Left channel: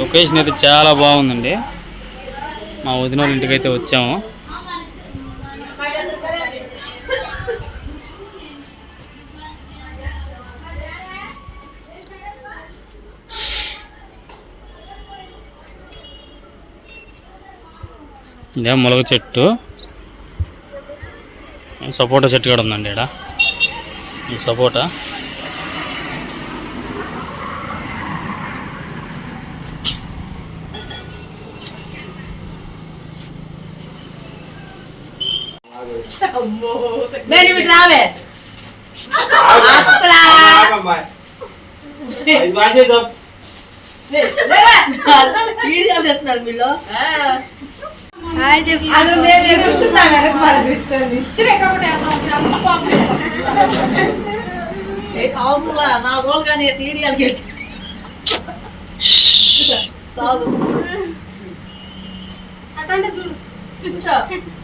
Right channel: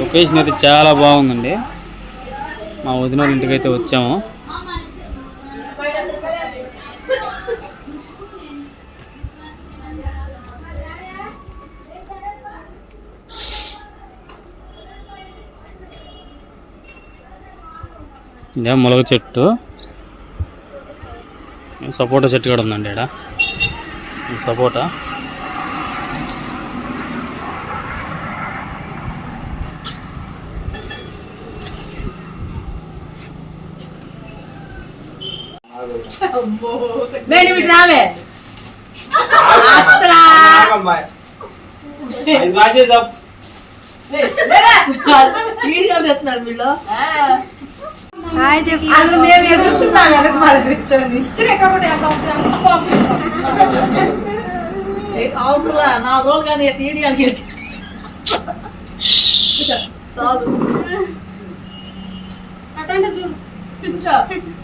Location అయితే చాలా బాగుందండి. మా వదిన వాళ్ళ ఇంటికి అయితే వచ్చాము. ఇదే మొలగ చెట్టు. సపోటా చెట్టు కూడా ఉందండి ఇక్కడ సపోటా. నేను ఇటు రావే అసలా అసలు మేము ఎగురుతున్నాం వెనక కూర్చొని నా రోజు కానీ టీడీఎల్కి చాలు. కావాలి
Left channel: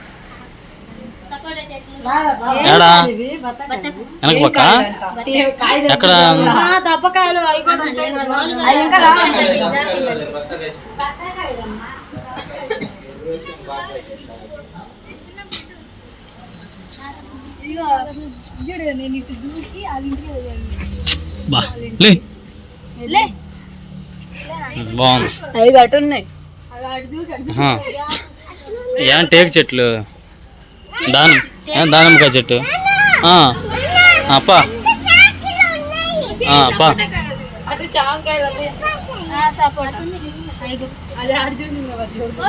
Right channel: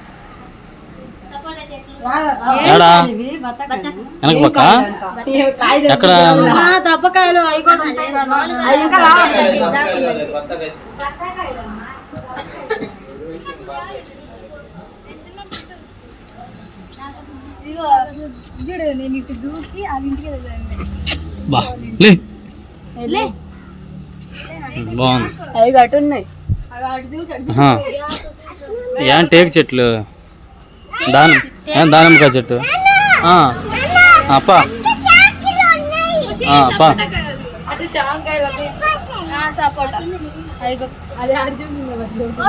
ఏడా? వెనక పక్క? ఎక్కడ? చూడు నేను ఇటు దూకి అది ఇంటికి వెళ్ళాను. బాగుంది. అవి అటు ఉన్నాయి. ఏం టేక్ చెట్లు? దానం. దానిమ్మకాయ చెట్టు. అప్ప అప్ప సపోటా?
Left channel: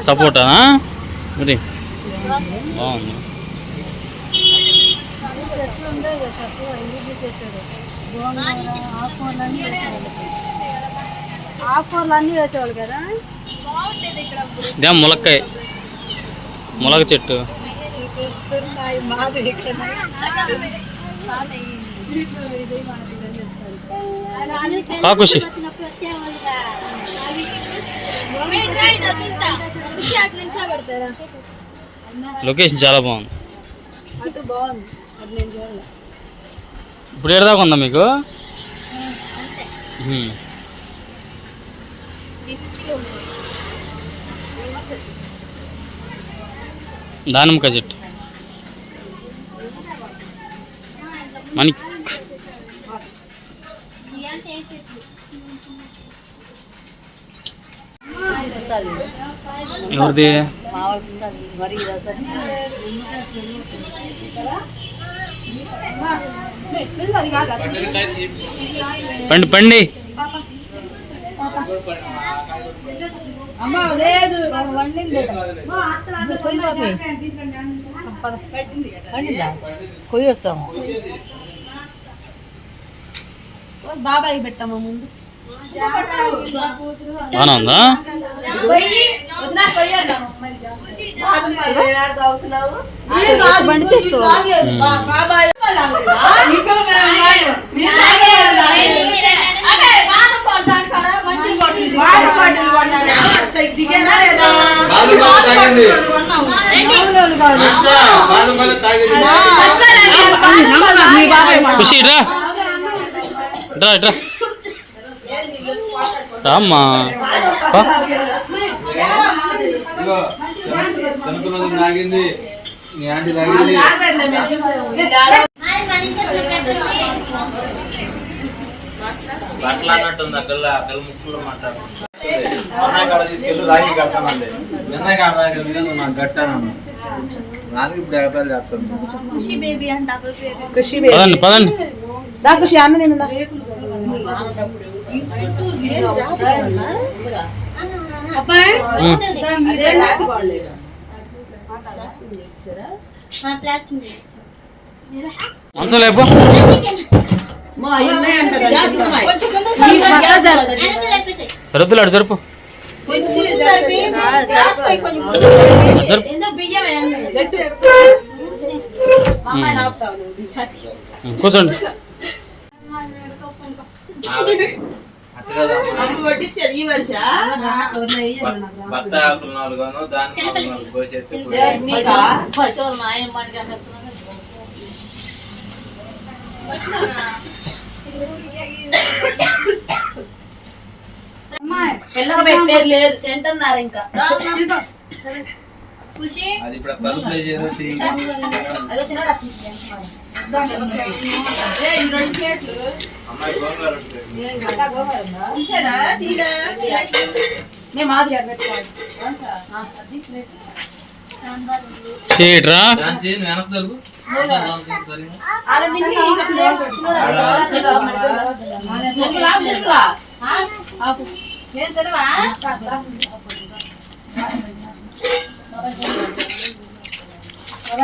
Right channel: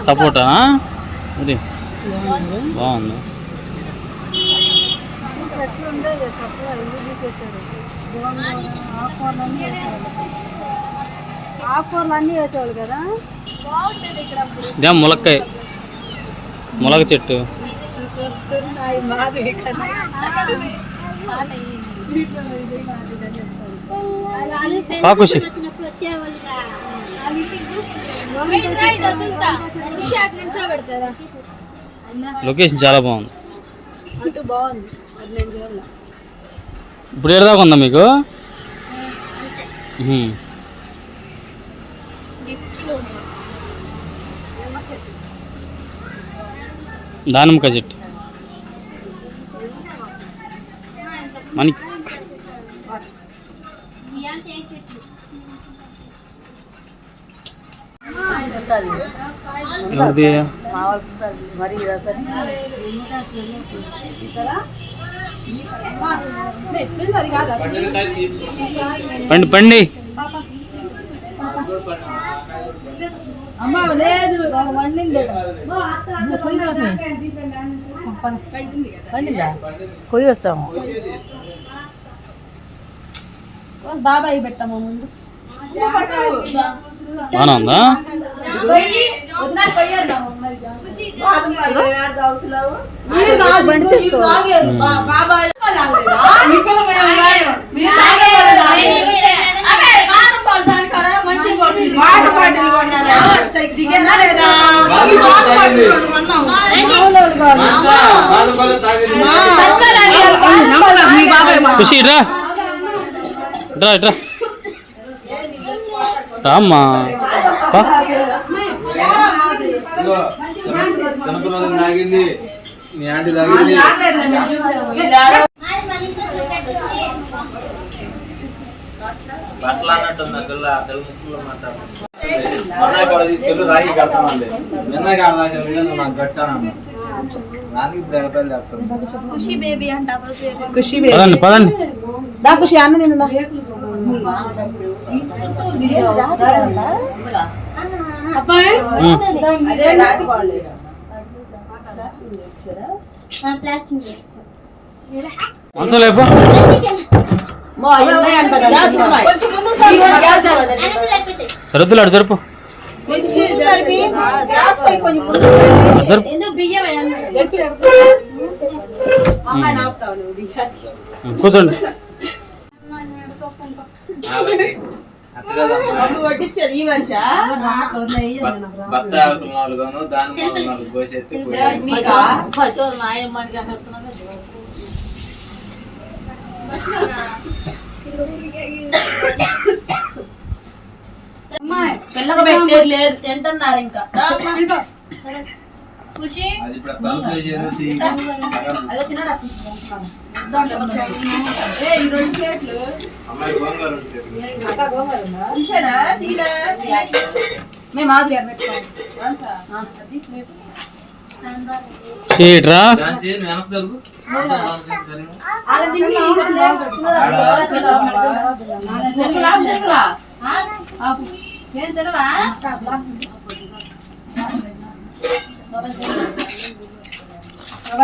సపోటానా మరి బాగుంది ఆకుకూరలు కదా? ఇదేం ములక్కాయ. ములగ చెట్టు. వస్తున్నాయి మాది లొకేషన్ చాలా బాగుంది. ఇప్పుడు ఏడదాకా ఉందా మీకు. దానిమ్మకాయ చెట్టు మణిక్ ఎవరిది పండి పండి అమ్మ లేదు వండింది పండిందా? కొయ్యి వచ్చాము బాబాయ్ పెట్టాము ముందు. బాగానే ఉందా బండి తీసుకోవాలి ఖుషి రా. రా రా. రామ్మా. పా. తాగింది. నీ ఆంటీ తాగింది. అట్లాన్నట్టుంది ఆ పిల్ల ఆ పిల్ల ముక్కులో మాట్లాడుతుంది. మొన్న కాడ తీసుకెళ్ళి రాగి కడతానంది నిన్న కాడ నువ్వు నాకు కట్టానమ్మా పదండి పదండి. దా ఖుషి అన్న తిన్నా అబ్బాయి ఉమ్. ప్లాస్టిక్ మంచం లేపు ఉన్నాయంట సరుద్దులు అడు జరుపు. కూర్చోండి. భర్త ఆకులు నాలుగును దాని నాలుగు పెట్టేది లేదు తింటున్నారు ఇంకా. ఖుషి. అది ఇప్పుడు తలుపులే అదో మేము మాదిరి అక్కడ పెట్టుకోవాలి చీట్రా ఝాన్సీ, నువ్వు వెనక్కి జరుగు. సరిగా. అలాంటి ఇంకా ఇంకా చిన్నదా, చిన్నదా, ఆడ. చిన్నదా, చిన్నదా. ఏం తినవా?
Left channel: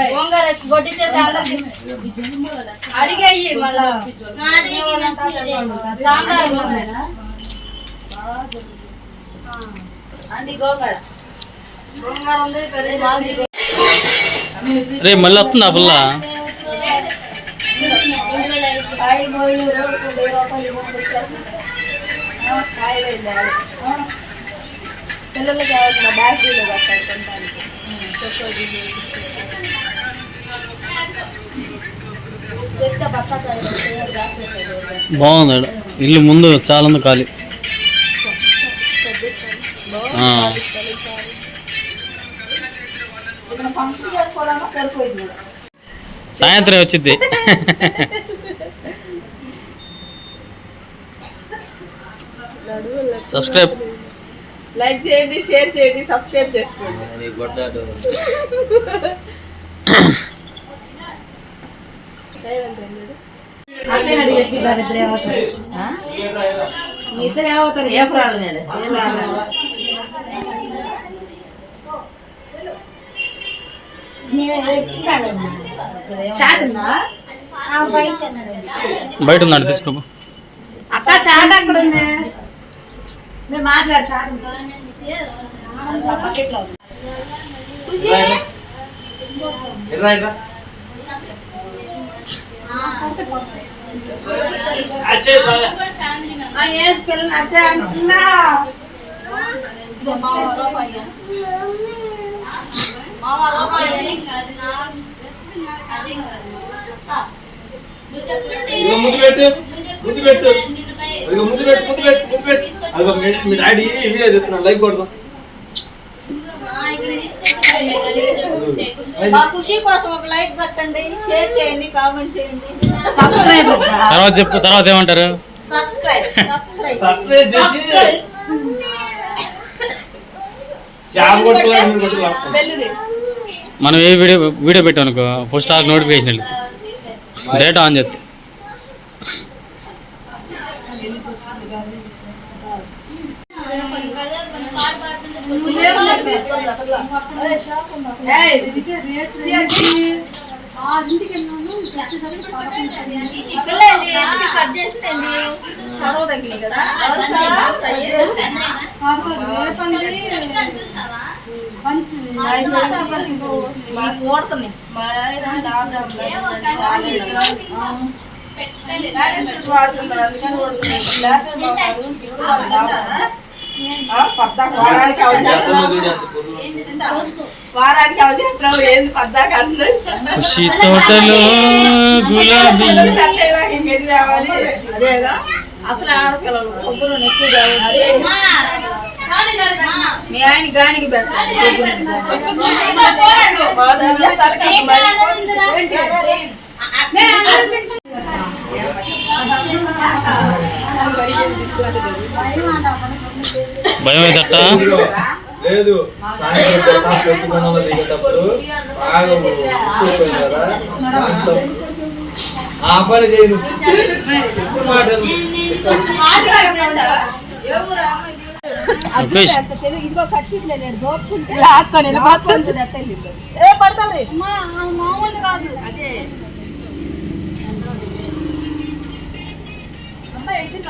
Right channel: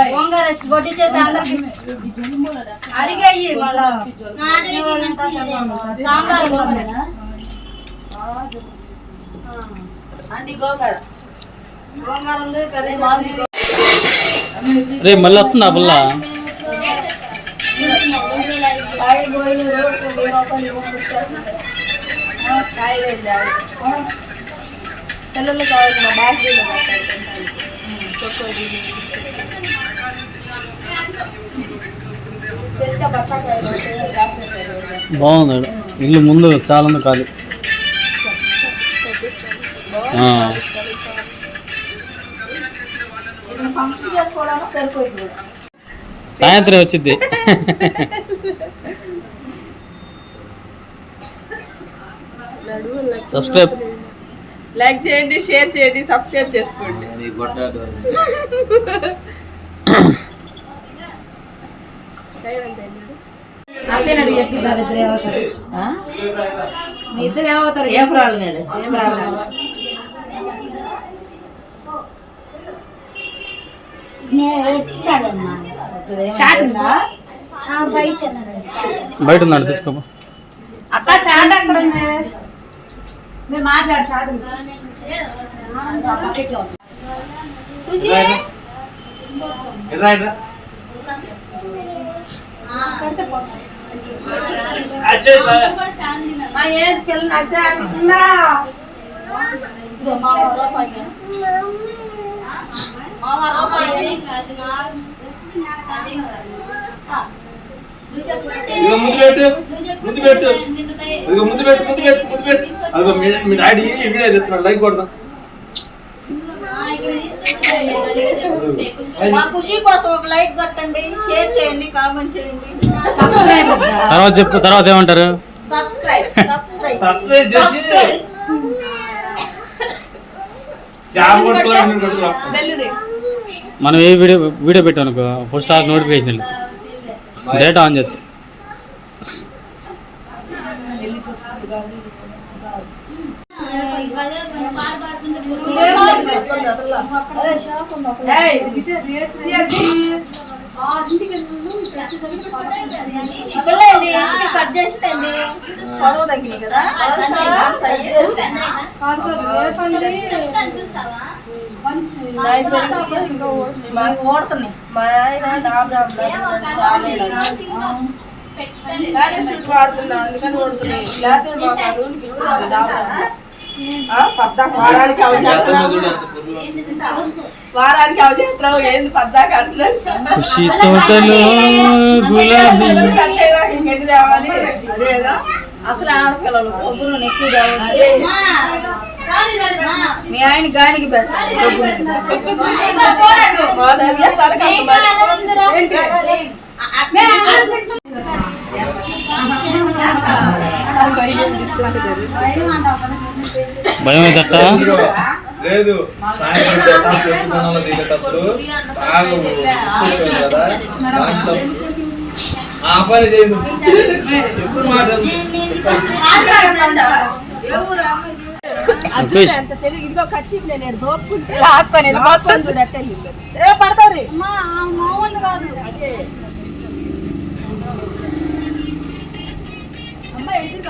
గోంగూర కొట్టించేసి అందరికి అడిగేయి మళ్ళా సాంబార్ గోంగూరేనా? అండి గోంగూర గోంగూర ఉంది కర్రీ మాది రే మళ్ళీ వస్తుందా పిల్ల బ్యాగ్ బాగుంది ఇల్లు ముందు చాలా ఉంది ఖాళీ సాయంత్రం వచ్చింది. సబ్స్క్రైబ్ లైక్ చేయండి షేర్ చేయండి సబ్స్క్రైబ్ చేసుకోండి. ఇద్దరు ఏమవుతారు? ఏం రాలేదు ఏం రాలేదు బయట ఉందండి తీసుకోపో. అక్క చాట్ అక్కడ ఉంది. మీరు మాట్లాడు చాట్. పిల్లలు అంటున్నా ఇదిగో మా ఊర్లో పయ్యన్. ఇదిగో ముద్దు పెట్టు. ముద్దు పెట్టు. ఇదిగో ముద్దు పెట్టు, ముద్దు పెట్టు, ముద్దు పెట్టు. అదిగో మీ- మీ డాడీ వీడియో తెస్తున్నాడు లైక్ కొడదాం మా ఖుషి కోసం ఒక లైక్ కొట్టండి షేర్ చేయండి కామెంట్ చేయండి సబ్స్క్రైబ్ వద్దా? తర్వాత చెప్పు తర్వాత ఏమంటారు సబ్స్క్రైబ్ సర్ప్రైజ్ చేసి జాబ్ కొట్టుకోవాలి నేను కొట్టుకోవాలి బెల్లుది మనం ఏ వీడియో వీడియో పెట్టాం అనుకో ఫస్ట్ ఆ నోటిఫికేషన్ వెళ్ళి. డేటా ఆన్ చేస్తే తీసుకుందా ఏయ్, కట్ చేసిందండి. పొడవు తగ్గింది కదా. ఓడుతున్నాయి మా ఆయన డాబ్ వాడుతున్నా అందుకని ఓడుతున్నాయి లేకపోతే డాబ్ పద్దాక వారానికి వారానికి అవచేస్తున్నాం ఏంది పద్దాక ఖుషి తోటలో గులాబీ. తేవాలి అసలు ఆడపిల్లలు. కొబ్బరి ఎక్కువ తేవాలి మీ ఆయన గానికి పెట్టాలి. ఆ పని చేయదు ఎప్పుడు మాట ఏ లాక్కొని ఏ పడతారు మామూలు కాదు. అదే. అమ్మ!